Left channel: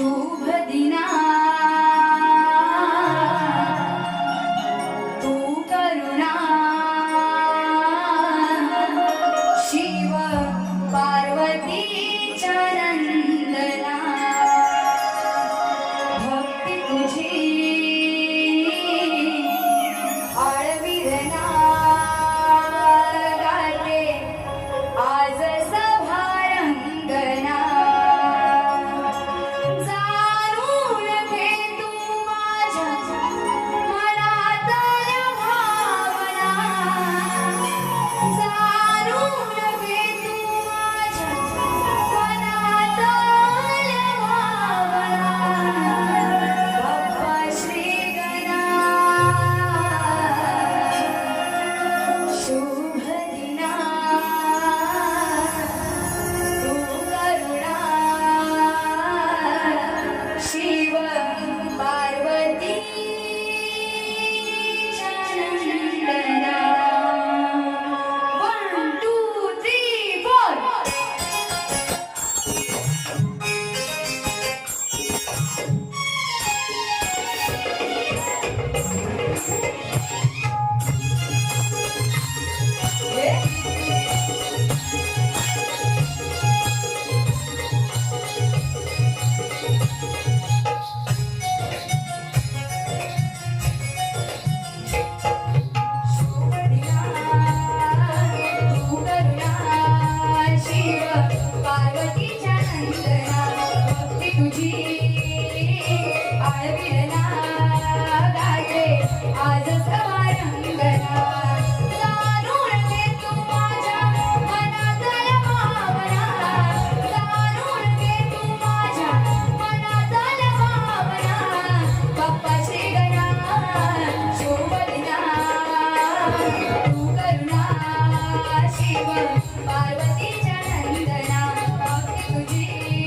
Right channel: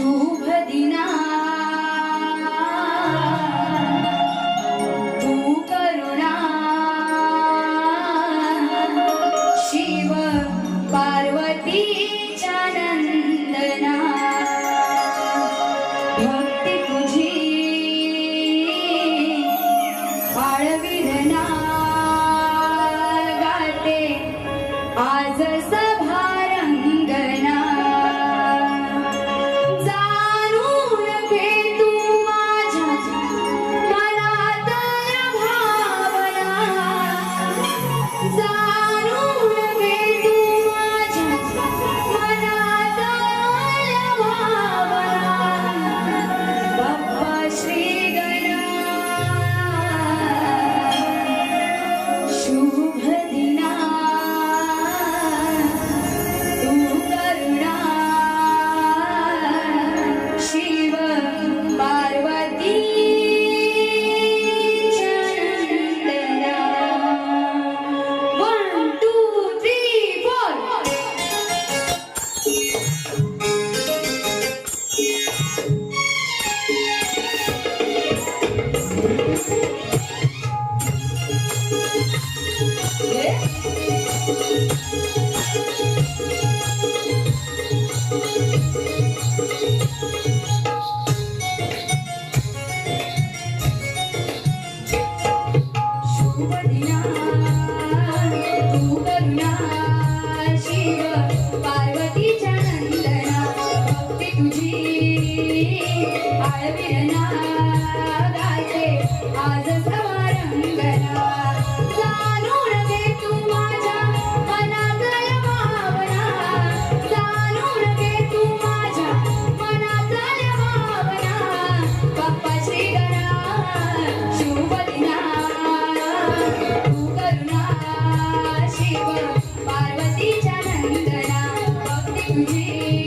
शुभ दिना। तू करुणा। शिव पार्वती चरंदना भक्ति तुझी え शिव पार्वती चनंदना भक्ति तुझे।